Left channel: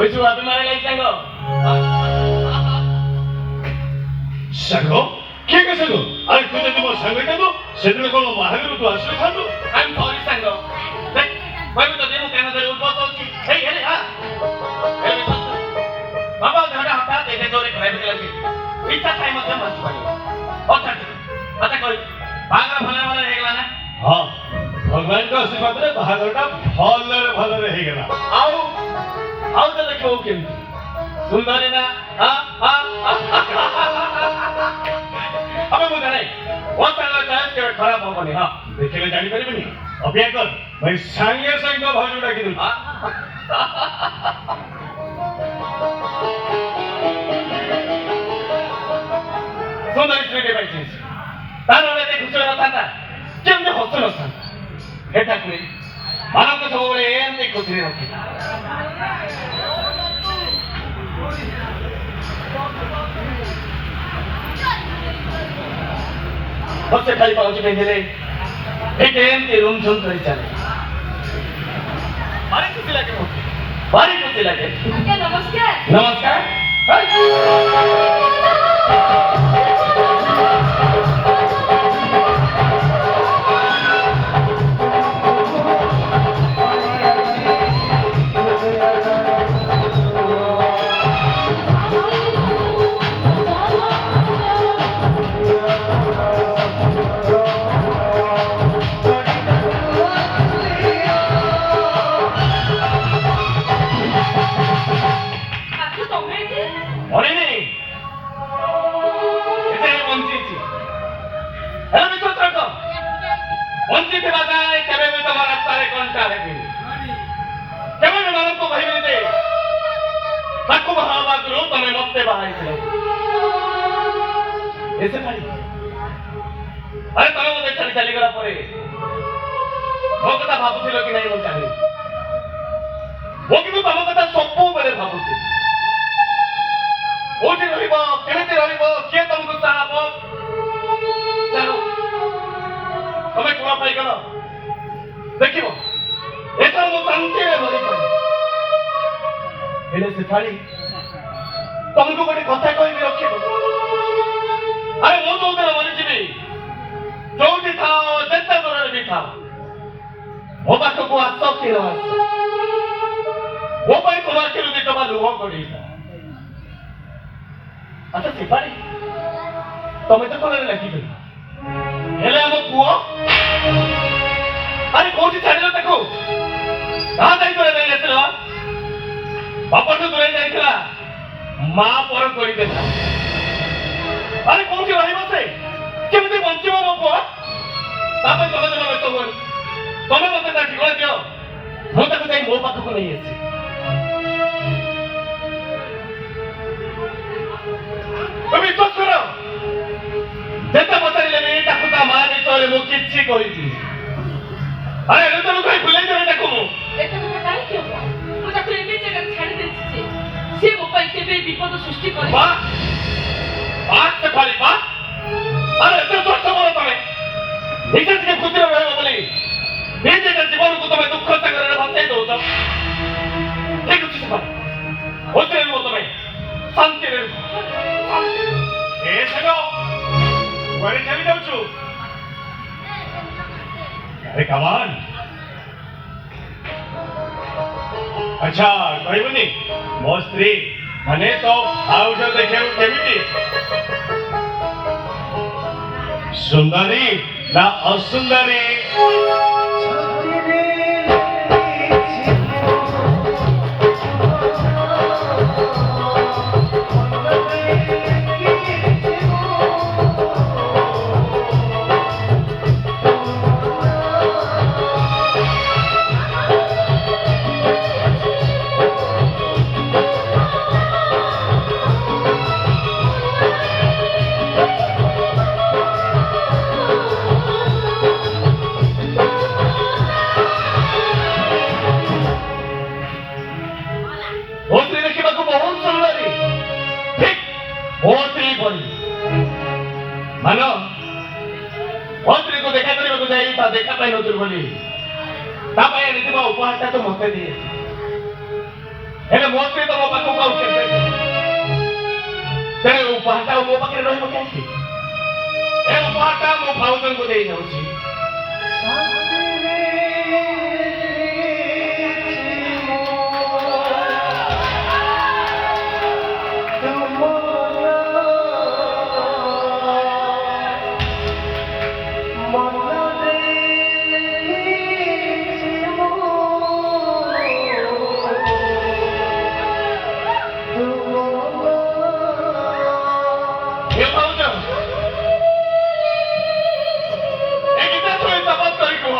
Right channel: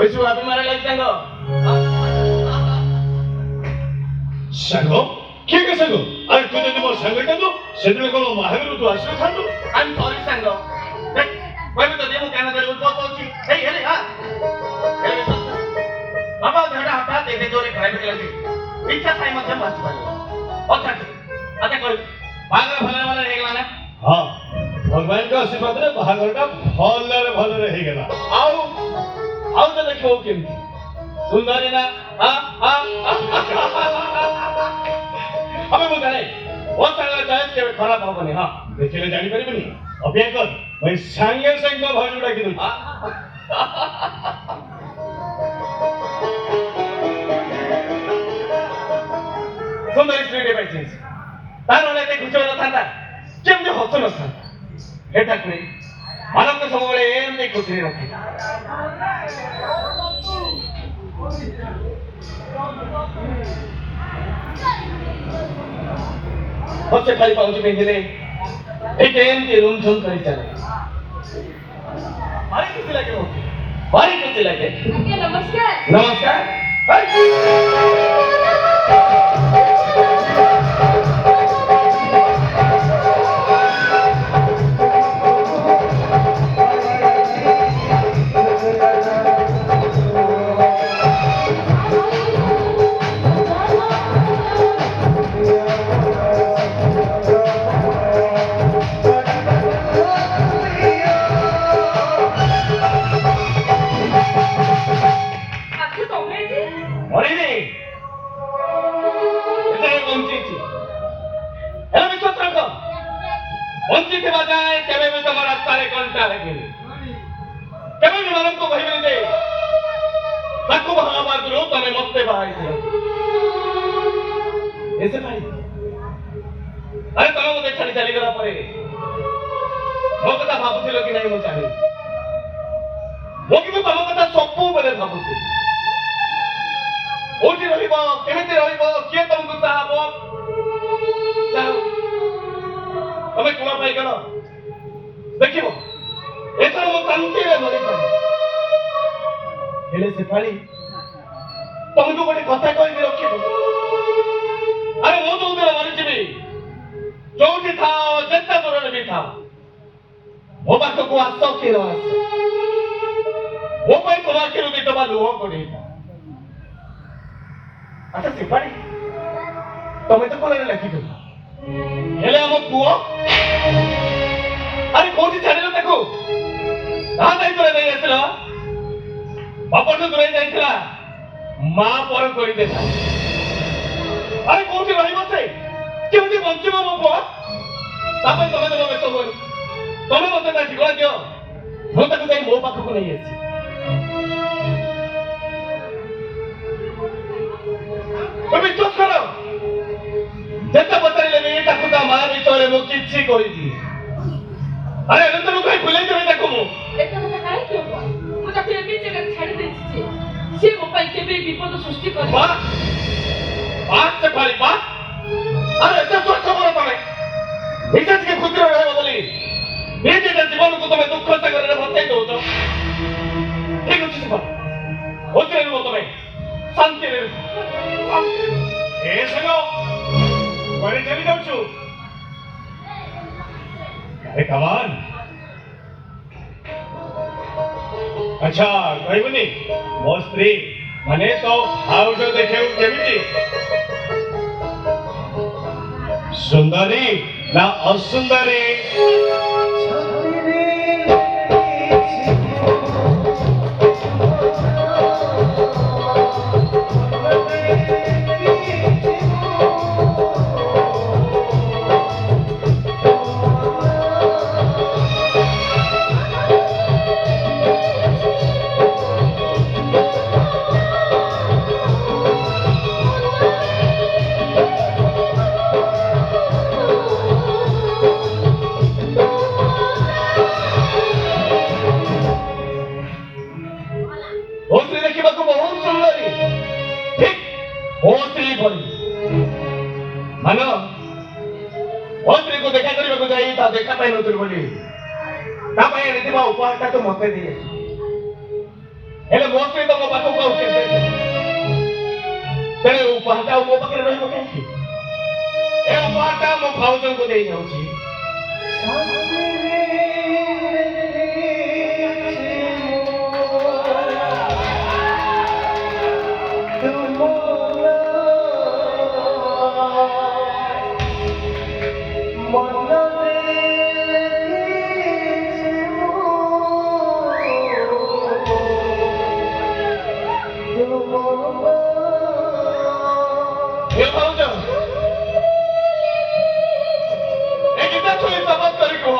ওই সুবাদ মারে লাইক সাঙ্গ কে কে সাঙ্গ আরে তুই যদি মোর সাঙ্গ কাঁদো সেদিন কোন মাহের তু আসলে সাঙ্গ আমি সরি সাঙ্গ দেখ ভাই তো দেবো কেন ধরে উঠবো চলছি এই হেলে হ্যাঁ হেলে বাবা ধরে হঠাৎ এনে ধরে খাইতে লাগি ইচ্ছা খাই মধ্যে মাছ পাই আচ্ছা আচ্ছা কই বাগরা ভালো ভালো হয়ে গেল না হ্যাঁ ভগবান को आशीर्वाद रे बाहागरटा भलरे हे गेला आओ तो देखो केमती सुंदर है ना हमें मुझे नहीं वो साला चाहे के खराब हो बने हां देखले जानी परिबनी अभ्यास कर भाई संगे संग भाजुटा की दूँ सुंदर स्त्रीटे पाइछिस तार वाला ते खुचो न थांदा केमने हसो न थांदा हेटा करे मानव को सबले एमने खुचरे रखे सबसे खाली पाउची कहीं दिले एक एमती रूम झुन तरी चले भारी खुशी लगे नमस्कार नमस्कार ऐसे भाई अरे तमे मते चली चली गला परे मो कथा भाबुथिलो कि नहीं मो चाहे मो कि तम कथा सबु बेले भाबुथि ओठी रहिबो केमिति रहिबो के तुमको चाहबो चलो तमे कोना पाई गलो देखिबो एथर मो शांति रे भरी पड़ी हेले से थाली तुमको गोटे कथा कहबी रखिबो अरे मो तो उधर मानी जीवी जोठी था जेता दूर भी था मो बात को आसो की रस वो भाई को आके रुदी तो बालू हो कोड़ी अच्छा सिपारी तमे तो कोने लगी गई हेले हम कुओ अरे कोठी छाड़िलो ताको ना दाई करे देले बापा तो दूर जाइथिला मां पर कोई देता अरे कोठी रहिबो से केमती बंचिबो मो पुआ तापे तमे तमे व्यस्त होई तमे मते ता ठिकला दियो मो ताको जाई मो पाख को नहीं आसी तमे तो करो जेता बताइले मे ताको ता मारी तोरे मो किछि कहिबी अरे एने तो कोई भुलाई देबे ताको मो एटा तो काई क्यों मु ताको एमे जगह छाड़ देछि से मो पाई केबे विपद सृष्टि करे वाह आज से खाली बात अरे तो बोलो तमे इज्जत के खुद रहे हो बोली बेटे का जीवन को तुम्हें दुख से करने भत्ते दो तो ठीक है चीज़ बात होते हैं वो तुम्हें शांति रहे ए सगो कोई चली जाओ चु अरे कमान ଆଚ୍ଛା କହିବୁନି ମୋ ସ୍ତ୍ରୀ ମାନେ ତ ଭାଉଜ ଦେଖିବାକୁ କେମିତି ସୁନ୍ଦରୀ ନା ଅସୁନ୍ଦରୀ ମୋ ସ୍ତ୍ରୀ ଦେଖିବାକୁ ବହୁତ ସୁନ୍ଦରୀ ଠିକ ମୋ ସ୍ତ୍ରୀ ଭଳି ମାନ ମୋ ସ୍ତ୍ରୀକୁ ଦେଖା କରିବାକୁ ଯାଇ ତା ଦେଖା ପାଇନଥିଲୁ ବୋଲି ତା ପାଇଁ ଆଣିଥିବା ଉପହାରଟା ତ ମତେ ଦିଏ ହେଲେ ମୋ ସ୍ତ୍ରୀ ତ ମୋ ପାଖକୁ ଆଉ କେବେ ତେଣୁ ଉପହାରଟା ମୋ ପାଖରେ ରହିବ କାହିଁକି ଏ ଉପହାରଟା ମୋ ଭାଉଜଙ୍କୁ ଦେଇ ଯାଉଛି ଏ ଭାଉଜ ଏ ଗୀତା ଶୁଣି ଶପଥ କରି କୁହ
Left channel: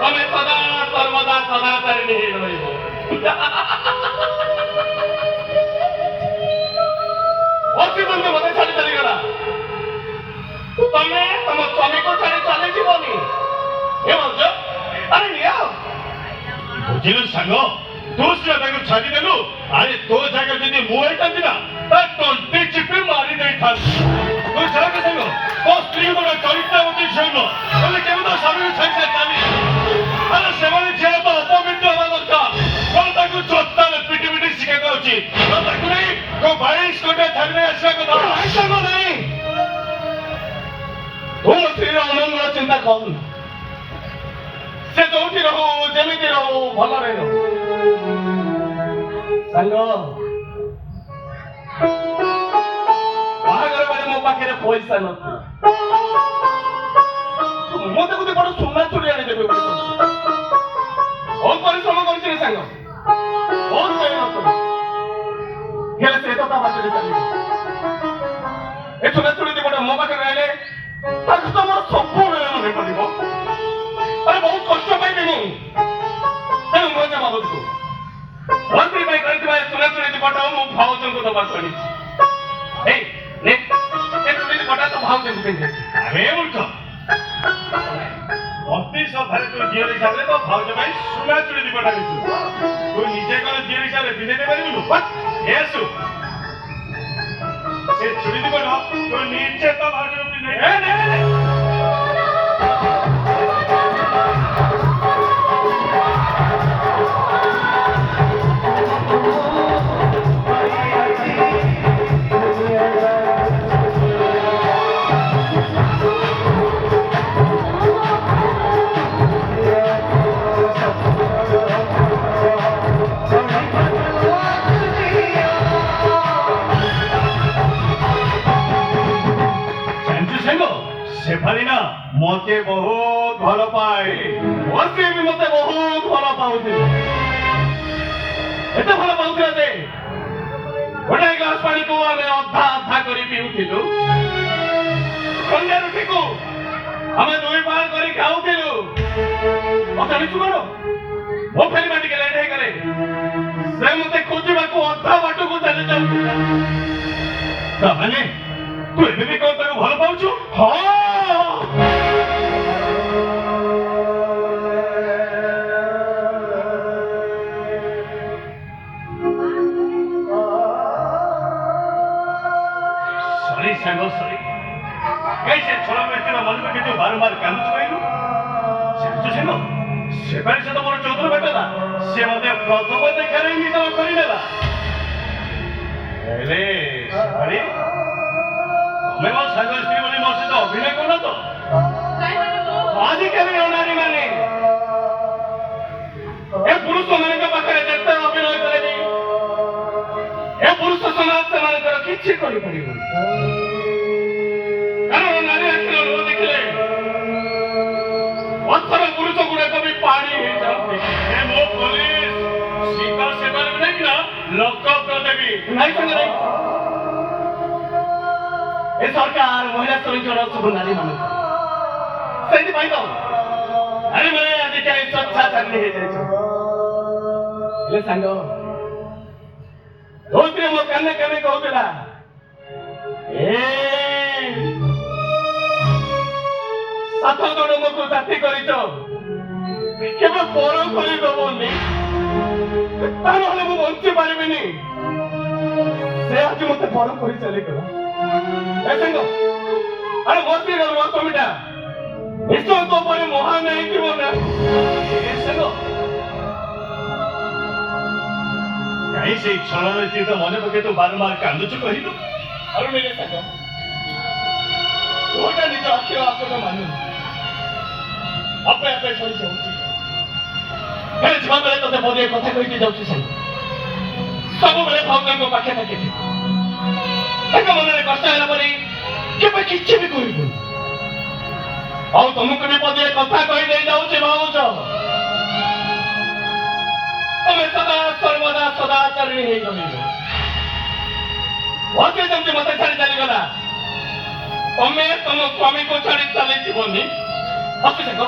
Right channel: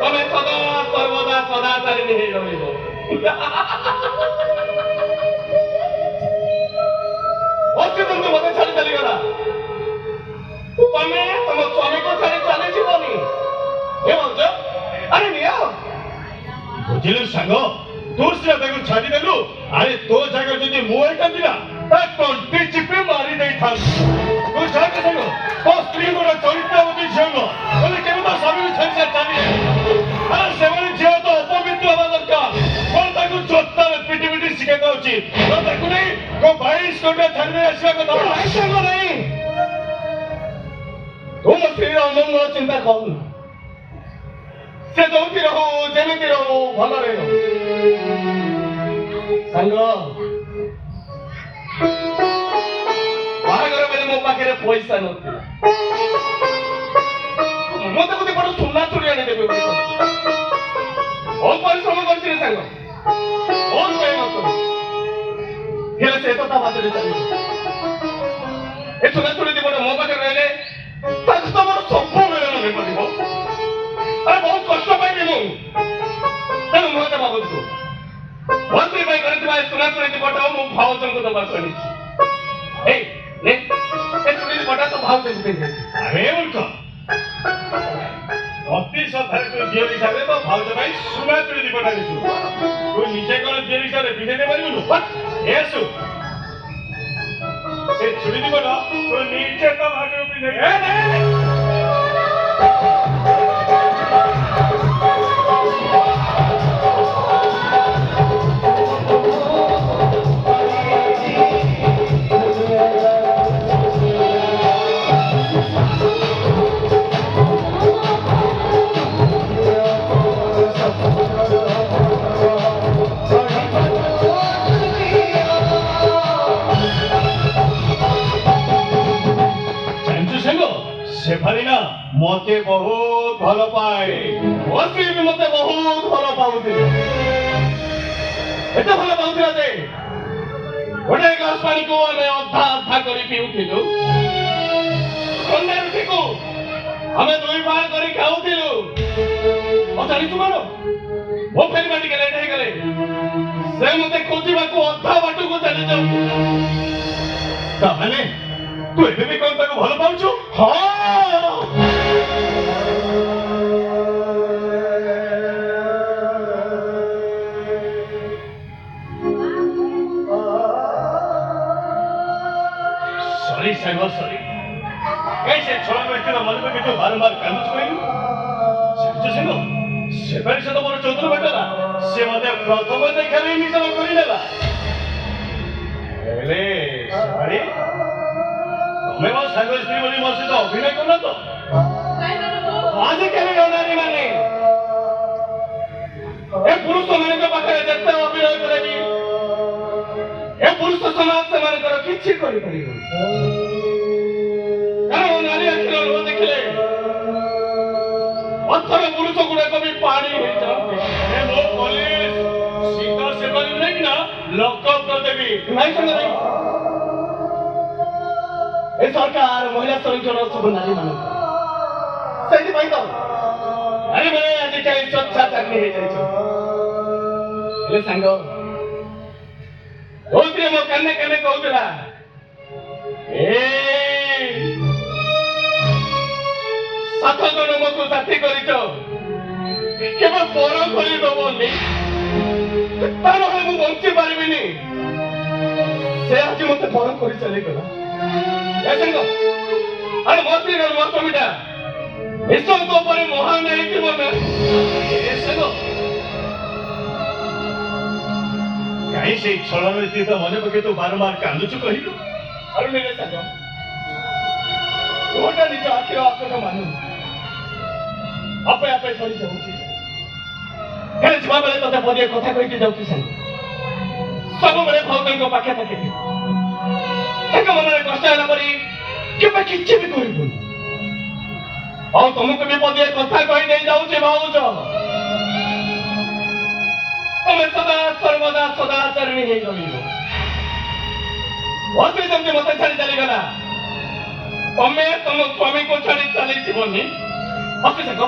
ତମେ ସଦା ସର୍ବଦା ସଦା ତାରିଣୀ ହେଇ ରହିବ ଅତି ଯେମିତି ମତେ ଛାଡ଼ି ଚାଲିଗଲା ତମେ ତମ ସ୍ୱାମୀକୁ ଛାଡ଼ି ଚାଲିଯିବନି ଏ ଭାଉଜ ଆରେ ନିଅ ବୁଝିଲୁ ସାଙ୍ଗ ତୁ ସିନା ତାକୁ ଛାଡ଼ିଦେଲୁ ଆରେ ତୋ ଜାଗା ଯଦି ମୁଁ ହେଇଥାନ୍ତି ନା ତା ତଣ୍ଟି ଚିପି ମାରି ଦେଇଥାନ୍ତି ତୁ ଛାଡ଼ ସାଙ୍ଗ ତୋ ସ୍ତ୍ରୀ ଗୋଟେ ଚରିତ୍ରବତୀ ଝିଅ ନୁହଁ ତମେ କେବେ ତ ସ୍ୱାମୀକୁ ଛାଡ଼ି ଚାଲି ଆରେ ସେମାନେ ଝିଅ ତ ଅପବିତ୍ର ହେବା ଦରକାର କଣ ତାକୁ ଜୋତାରେ ପିଟି ପିଟି ଶିଖେଇବା ଉଚିତ ତାକୁ ନେଇ କୋ 22 କୋଟିଆ ଥାନରେ ଆସିବା କଥା ନାହିଁ ତୁ ମୋ ସ୍ତ୍ରୀର ଅମଙ୍ଗଳ ଚିନ୍ତା କରନା ସେ ଯୋଉଠି ରହୁ ଯେମିତି ରହୁ ଭଲରେ ରହୁ ସାଙ୍ଗ ବାହାଘର ବେଳେ ମୋ ପାଖରେ ପଇସା ନଥିଲା ମତେ ଗୋଟେ ବଡ ସୁନା ଚୁଡ଼ି ଆଣିଦେବେ ବୋଲି ବହୁତ ପରିଶ୍ରମ କରିଛି ରେ ସାଙ୍ଗ ବହୁତ ମେହନତ ହେଲେ ସେ କଥା ବାଟରେ ଚାଲିବ ଏ ସୁନା ଚୁଡ଼ି ଦି ବଡ ମୋ ପାଖରେ ରହିଲେ ତାକୁ ତ ମୋର ସବୁବେଳେ ମନେ ପଡିବ ଆରେ ବହୁତ କଷ୍ଟ ପାଇବି ମୁଁ ତେଣୁ ମୁଁ ଏତେ ଭାବୁଛୁ ମନ୍ତ୍ରୀ ପାଇଁ କରିଥିବା ସୁନା ଚୁଡ଼ି ଦି ବଡ ମୁଁ ଭାଉଜଙ୍କୁ ଦବାକୁ ଆଣିଛି ଏଇ ନେ ଏ ଚୁଡ଼ି ଦି ବଡ ତ ଭାଉଜଙ୍କୁ ପିନ୍ଧେ ଆରେ ମୂର୍ଖ ଅତି ସଭାରେ ତୁ ଝିଅ ହିସାବରେ ତ ଭାଉଜ ପାଇଁ ସୁନା ଚୁଡ଼ି ଦି ବଡ ଆଣିଛୁ ତୁ ନିଜେ କଣ ଝିଅ ହିସାବରେ ପିନ୍ଧେଇ ଦେଇପାରିବୁନୁ ଏସୁ ସେ ଚୁଡ଼ି ଦି ବଡ ତୁ ନିଜେ ତ ଭାଉଜଙ୍କୁ ପିନ୍ଧେଇ शेफाली ना मते बहुत भल पाए मते भी मते बहुत भल पाउथिले एते भल पाउथिला जे गोटे ग्लास पानी को आमे अधा अधा करी पिउथिलु कन्या रुटी को हमें दुई पार करी खाउथिलु अचानी तुमारो वो फेरी बाटी के लेट हे गले से मते खोजिबा को अधा बाटू को चली जाउ ताने तू एबे भी कोन ताको भल पाउछु हां सागो सरी कैसे छोड़ा में तेरा मन में कितने बार-बार कांदुच कहलु से सागो से पर से तो मोर चौधर बेटा से मते प्रथम देखा रे निज करि देला एले सारी मैं वो सागो स्त्री बोली मोर से तो अभिनय करना तो आज के नारी माने ଏ ପୁରୁଷମାନଙ୍କ ପାଖରେ ଯେତେ ଅଭିନୟ କଲେନି ଏ ପୁରୁଷ ସମାଜ ସେମାନଙ୍କର କିଛି କରିପାରିବନି। କାରଣ ନାରୀ ଆଖିର ଲୁହ ଦେଖିଲେ ପଥର ପୁରୁଷ ଗୁଡାକ ବି ପାଣି ହେଇଯାନ୍ତି। ଏ ମୋ ପୋଲିସ ସୀତା ସେ କରିବି ନାଇଁ ନା ଲକଅପ ଦେବି ନାଇଁ ସଙ୍ଗେ ନାଇଁ। ଏ ସରକାର ମହିଳା ସଂରକ୍ଷଣ ସବୁ ନାରୀ ମାନଙ୍କୁ ସେଇଥିପାଇଁ ତ ନାରୀ ମାନେ ଆଜିକାଲି ସ୍ୱଚ୍ଛାଚାରିଣୀ ହେଇଯାଇଛୁ। ହେଲେ ସାଙ୍ଗ ଯୋଉଥିରେ ମୋ କାନେ କାନେ କହୁଥିଲା ଏ 7 ଜଣଙ୍କୁ ସାଥୀ କରିଛ କେବେ ପର କରିଦବନି ତା ନହେଲେ ମୁଁ ବଞ୍ଚି ପାରିବିନି। ସେ ଆଜି ମତେ ପର କରି ଚାଲିଗଲା। ସାଙ୍ଗ ଆରେ ମୋ ସ୍ତ୍ରୀ ମୋ ସ୍ୱାମୀଟା ନିଶ୍ଚୟ ତୋ ପରେ ମହାନ ହେଇଥିବ ନା। ସାଙ୍ଗ କାହିଁ ସେଇ ଛଳରେ ସ୍ଥିତ ମନେ ପକେଇ ତୁ ବାରମ୍ବାର କାନ୍ଦୁଛୁ କହିଲୁ? ଅରୁଣିରେ ସାଙ୍ଗ ତୋଟା ନିଜ ଆଖିର ଆପଟ ମାନୁ ଆପେ ଆପେ ସରିଯାଉଛି। ବେଳେ ଯିବା ବେଳେ ତତେ ବଢ଼ିଆ କଥା କହିକି ଯାଉଛି ସାଙ୍ଗ। ସବୁବେଳେ ଭଗବାନଙ୍କ ପାଖେ ପାଖେ ତାଙ୍କ ମନରେ କଷ୍ଟ ହେଲା ପରେ କେବେ କିଛି ବି କରିବୁନି। ଆଉ ତମକୁ ବି ବଢ଼ିଆ କଥା କହି ଦେଇ ଯାଉଛି ଭାବୁଛ ତମେ ସଦା ସର୍ବଦା ସଦାଚାରିଣୀ ହେଇ ରହିବ। ଅତି ଯେମିତି ମତେ ଛାଡ଼ି ଚାଲିଗଲା ତମେ ତମ ସ୍ୱାମୀକୁ ଛାଡ଼ି ଚାଲିଯିବନି। ଅତି ସାଙ୍ଗ